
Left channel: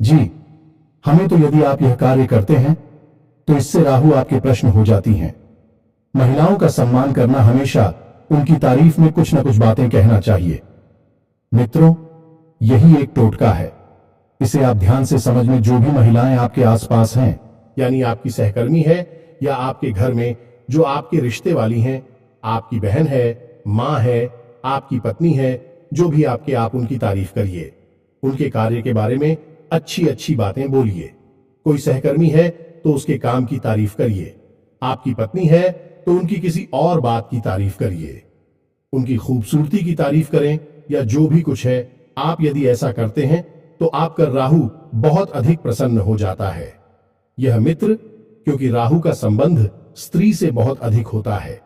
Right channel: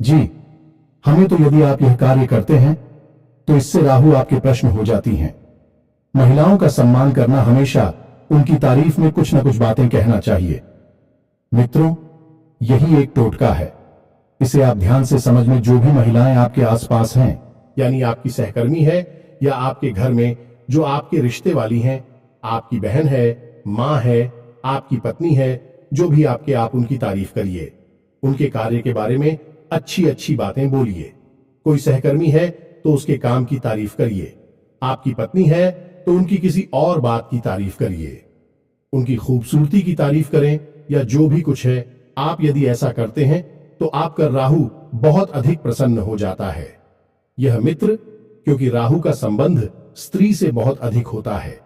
जी, हमें तो यदि आप यह कार्य करते हैं तो इससे राहु आपके प्रश्न हो जाती हैं। महिलाओं का सम्मान करना, हमेशा उनकी तारीफ में कुछ न कुछ बातें कहना चाहिए। मित्रों, यही एक टोटका है, इसे आप ध्यान से समझ में। जो भी महिलाएं आपके आसपास हैं, यानी आपकी सहकर्मी है या आपके घर में जो आपके रिश्ते वाली हैं, आपकी बहन है, मां है, आपकी पत्नी है, जो भी आपके, आप उनकी तारीफ करिए, उनके कार्य के बारे में अच्छी अच्छी बातें बोलिए। कोई सहकर्मी है तो तो उसके काम की तारीफ करिए। आपकी पत्नी है तो उनकी किसी और बात की तारीफ करिए। उनकी खूबसूरती की तारीफ करें या जो भी कुछ है, आप यदि ऐसा करते हैं तो आपका राहु बहुत अधिक प्रसन्न हो जाता है। यह मित्र, क्योंकि राहु का संबंध स्त्री से बहुत अधिक होता है,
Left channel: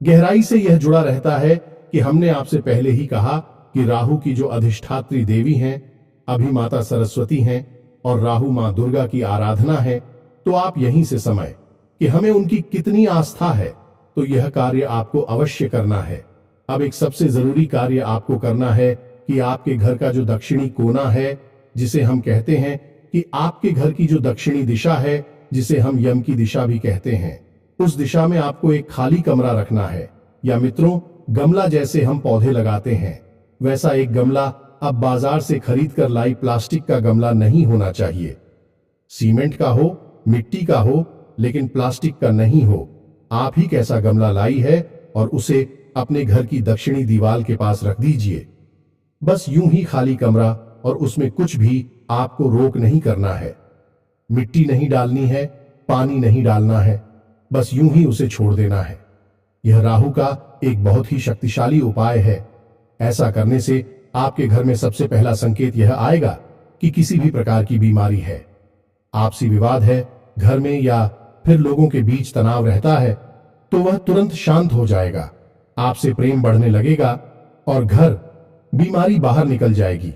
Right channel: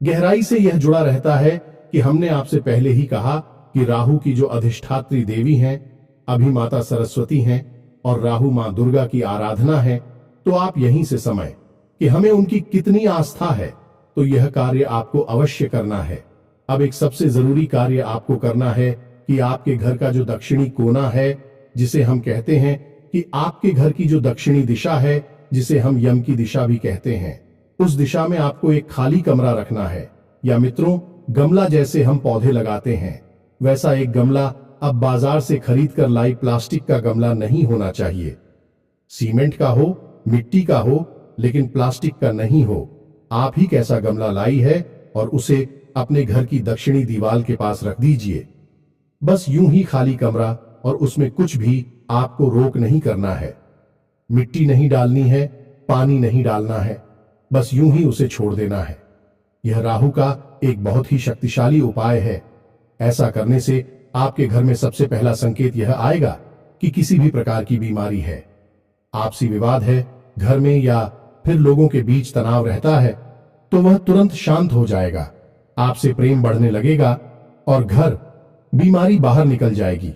गहराई से यह जुड़ा रहता है कि हमने आपसे पहले ही कहा कि राहु की जो अधिष्ठात्री देवी हैं अभी माता सरस्वती हैं और राहु मां दुर्गा की आराधना है। तो आप यहीं से समझ कि हमें उनकी कितनी आस्था है, तो यह कार्य आपको अवश्य करना है। अब एक सबसे जरूरी कार्य आपको करना है कि आपके घर का जो दक्षिणी कोना है, जिसे हम कहते हैं कि आपके घर की जो दक्षिणी दिशा है, जिसे हम यम की दिशा भी कहते हैं, उस दिशा में आपको एक खाली कमरा रखना है। या मित्रों, गमला जैसे हम पौधे लगाते हैं वैसा एक गमला अब बाजार से खरीद कर लाई प्लास्टिक का गमला नहीं होना चाहिए। सीमेंट का हो, मिट्टी का हो, लेकिन प्लास्टिक का नहीं हो। आप ही कैसा गमला लाई है और उसे अपने घर की दक्षिणी दीवार के पास रख दीजिए। बस यूं ही खाली कमरा, और उसमें कुछ भी आपको रोक नहीं करना है। मिट्टी नहीं डालनी है, पानी नहीं डालना है, बस यूं ही उसे छोड़ देना है। यह राहु का एक बहुत ही शक्तिशाली उपाय है। ऐसा करने से आपके घर में सबसे पहला संकेत यह आएगा कि किसी भी प्रकार की बीमारी है, आपसी विवाद है घर में, या फिर लोगों के बीच तनाव रहता है, तो वह तुरंत शांत हो जाएगा। आपसे प्रेम बढ़ने लगेगा और घर बीमारी बाहर निकल जाएगी।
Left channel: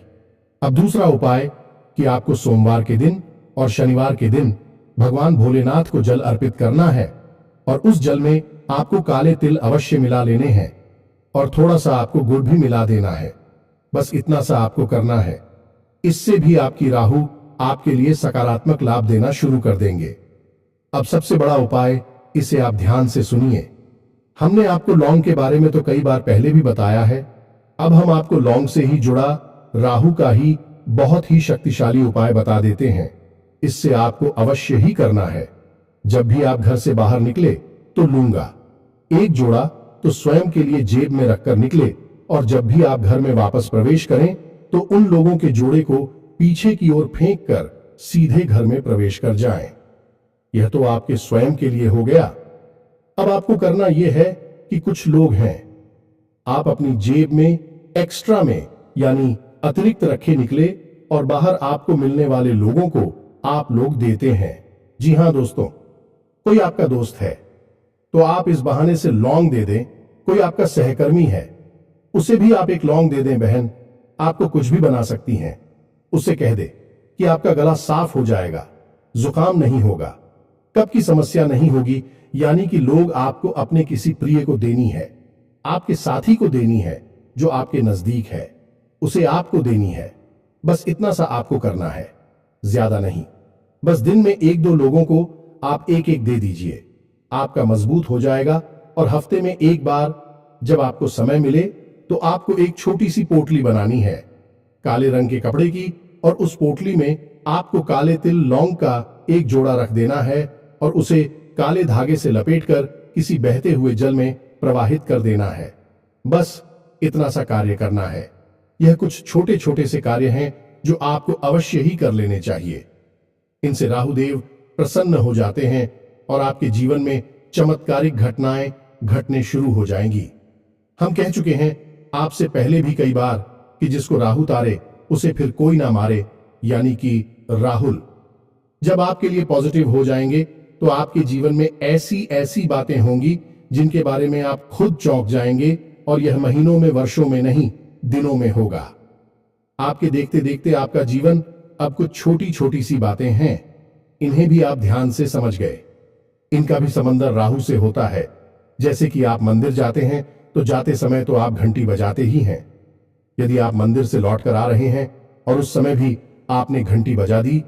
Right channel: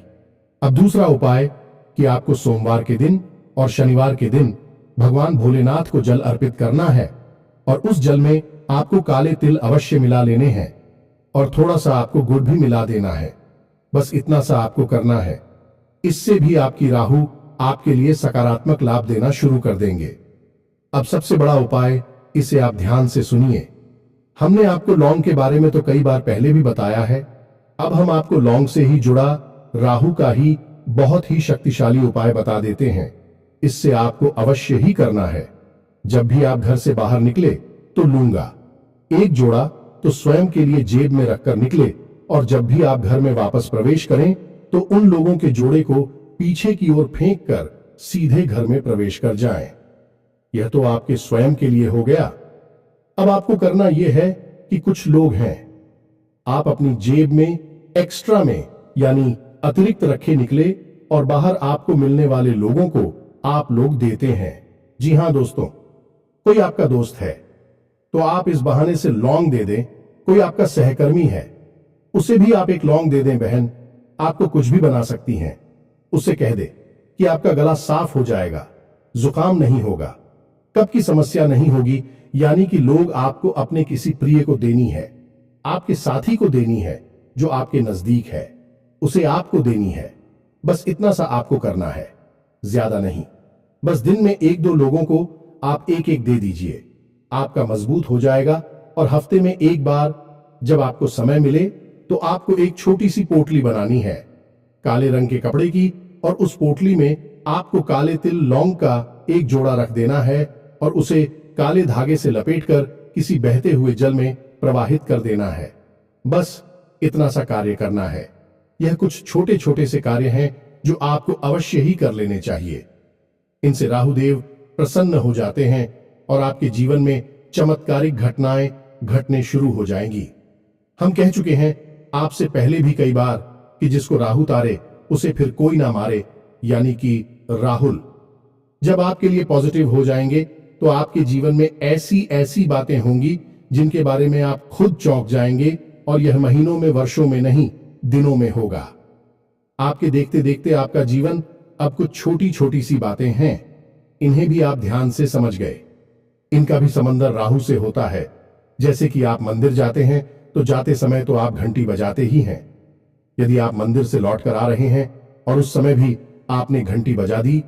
अब दूसरा उपाय कि आपको सोमवार के दिन और शनिवार के दिन भगवान भोलेनाथ को जल अर्पित करना है, और उस जल में आपको काले तिल अवश्य मिला लेने हैं और थोड़ा सा आपको गुड़ भी मिला देना है। बस इतना सा आपको करना है। इससे भी आपकी राहु आपके लिए सकारात्मक लाभ देना शुरू कर देंगे। अब सबसे बड़ा उपाय, इसे आप ध्यान से सुनिए। हमने आपको लौंग के बारे में तो कई बार पहले भी बताया है। अब हम आपको लौंग से ही जुड़ा राहु का ही बहुत ही शक्तिशाली उपाय बता देते हैं। इससे आपको अवश्य ही करना है। जब भी आप घर से बाहर निकले तो लूंगा एक जोड़ा तो स्वयं के लिए जेब में रखकर निकले, और जब भी आप घर में वापस प्रवेश करें तो उन लोगों के जोड़े को पीछे की ओर फेंक कर सीधे घर में प्रवेश कर जाएं। यह तो आपके स्वयं के लिए हो गया। अब आपको करना यह है कि कुछ लोग हैं, आप अपनी जेब में एक्स्ट्रा में यानी अतिरिक्त रखे निकले और बाहर आपको मिलने वाले लोगों को आप लोग देते हैं। जी हां दोस्तों, कोई आपका दोस्त है तो आप इस बहाने से लौंग दे दें। कोई आपका सहकर्मी है, उसे भी आप एक लौंग दे दें। बहन आपको कुछ भी बना सकती हैं। उससे कह दे कि आपका गला साफ हो जाएगा, जुकाम नहीं होगा, कब की समस्या नहीं होगी। यानी कि लोग आपको अपने किसी प्रिय को देनी है, आपके साथी को देनी है जो आपके नजदीक है, उसे आपको देनी है। बस इतना सा आपको करना है, ज्यादा नहीं। बस दिन में एक दो लोगों को आप एक एक दे दीजिए, आपका मजबूत हो जाएगा। और हफ्ते में एक बार जब आपको समय मिले तो आपको एक छोटी सी पोटली बनानी है काले रंग के कपड़े की, और उस पोटली में आपको काले तिल लौंग का एक जोड़ा रख देना है और उसे काले धागे से लपेटकर किसी बहते हुए जल में प्रवाहित कर देना है। बस इतना सा कार्य करना है। यह कुछ छोटे छोटे से कार्य हैं जो आपको अवश्य ही कर लेने चाहिए। इनसे राहुदेव प्रसन्न हो जाते हैं और आपके जीवन में चमत्कारिक घटनाएं घटने शुरू हो जाएंगी। हम कह चुके हैं आपसे पहले भी कई बार कि जिसको राहु तारे उसे फिर कोई ना मारे, यानी कि राहुल जब आपके लिए पॉजिटिव हो जाएंगे तो आपके जीवन में ऐसी ऐसी बातें होंगी जिनके बारे में आप खुद चौंक जाएंगे, और यह महीनों में, वर्षों में नहीं, दिनों में होगा। आपके देखते देखते आपका जीवन अब कुछ छोटी छोटी सी बातें हैं, इन्हें भी आप ध्यान से समझ गए। इनका भी समंदर राहु से होता है। जैसे कि आप मंदिर जाते हैं तो जाते समय तो आप घंटी बजाते ही हैं। यदि आप मंदिर से लौटकर आ रहे हैं और उस समय भी आपने घंटी बजा दी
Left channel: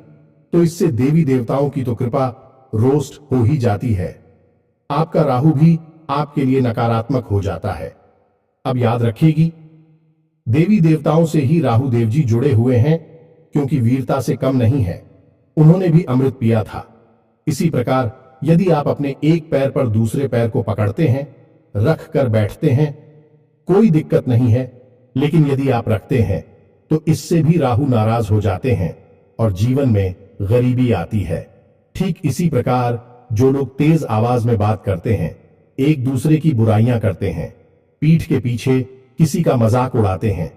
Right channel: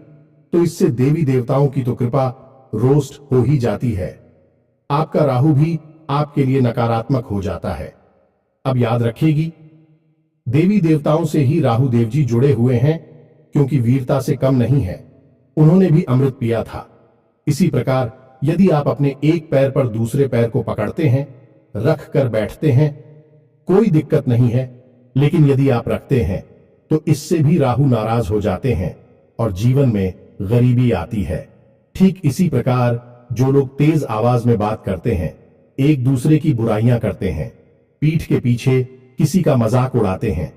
तो इससे देवी देवताओं की तो कृपा रोस्ट हो ही जाती है। आपका राहु भी आपके लिए नकारात्मक हो जाता है। अब याद रखिएगी, देवी देवताओं से ही राहु देव जी जुड़े हुए हैं, क्योंकि वीरता से कम नहीं है, उन्होंने भी अमृत पिया था। इसी प्रकार यदि आप अपने एक पैर पर दूसरे पैर को पकड़ते हैं, रख कर बैठते हैं, कोई दिक्कत नहीं है। लेकिन यदि आप रखते हैं तो इससे भी राहु नाराज हो जाते हैं और जीवन में गरीबी आती है। ठीक इसी प्रकार जो लोग तेज आवाज में बात करते हैं, एक दूसरे की बुराइयां करते हैं, पीठ के पीछे किसी का मजाक उड़ाते हैं,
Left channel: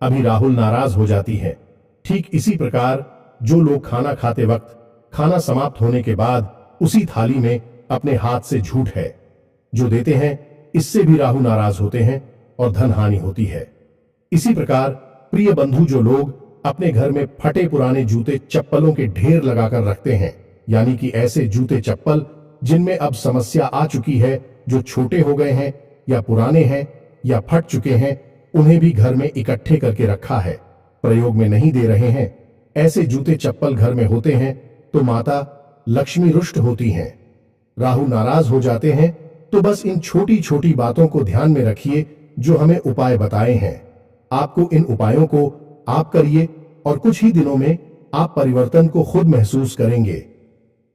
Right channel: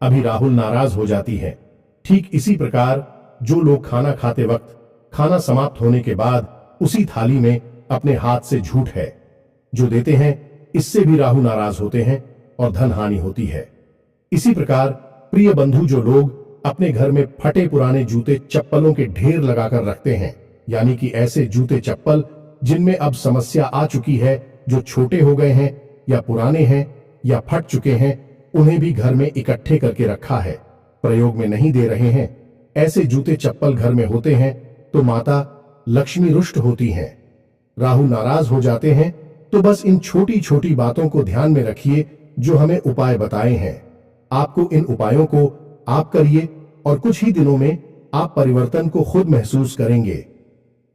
अभी राहुल नाराज हो जाती है। ठीक इसी प्रकार जो लोग खाना खाते वक्त खाना समाप्त होने के बाद उसी थाली में अपने हाथ से झूठ है जो देते हैं, इससे भी राहु नाराज होते हैं और धन हानि होती है। इसी प्रकार प्रिय बंधु जो लोग अपने घर में फटे पुराने जूते चप्पलों के ढेर लगाकर रखते हैं, यानी कि ऐसे जूते चप्पल जिनमें अब समस्या आ चुकी है, जो छोटे हो गए हैं या पुराने हैं या फट चुके हैं, उन्हें भी घर में इकट्ठे करके रखा है, प्रयोग में नहीं दे रहे हैं, ऐसे जूते चप्पल घर में होते हैं तो माता लक्ष्मी रुष्ट होती हैं, राहु नाराज हो जाते हैं। तो बस इन छोटी छोटी बातों को ध्यान में रखिए जो हमें उपाय बताए हैं। आपको इन उपायों को आप करिए और कुछ ही दिनों में आप परिवर्तन को खुद महसूस करेंगे।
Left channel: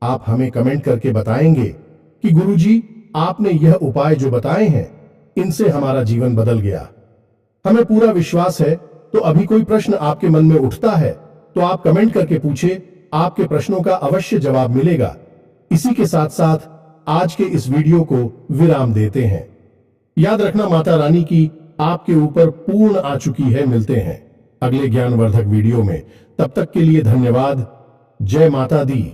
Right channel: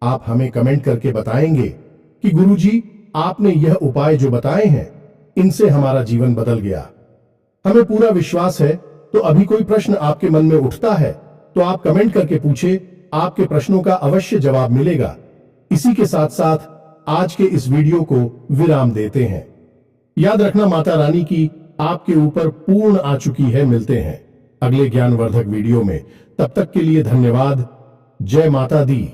आप हमें कमेंट करके बताएंगे कि गुरुजी आपने यह उपाय जो बताए हैं इनसे हमारा जीवन बदल गया। हमें पूरा विश्वास है। तो अभी कोई प्रश्न आपके मन में उठता है तो आप कमेंट करके पूछे, आपके प्रश्नों का अवश्य जवाब मिलेगा। इसी के साथ साथ आज के इस वीडियो को विराम देते हैं। याद रखना माता रानी की आपके ऊपर पूर्ण आ चुकी है। मिलते हैं अगले ज्ञानवर्धक वीडियो में, तब तक के लिए धन्यवाद। जय माता दी।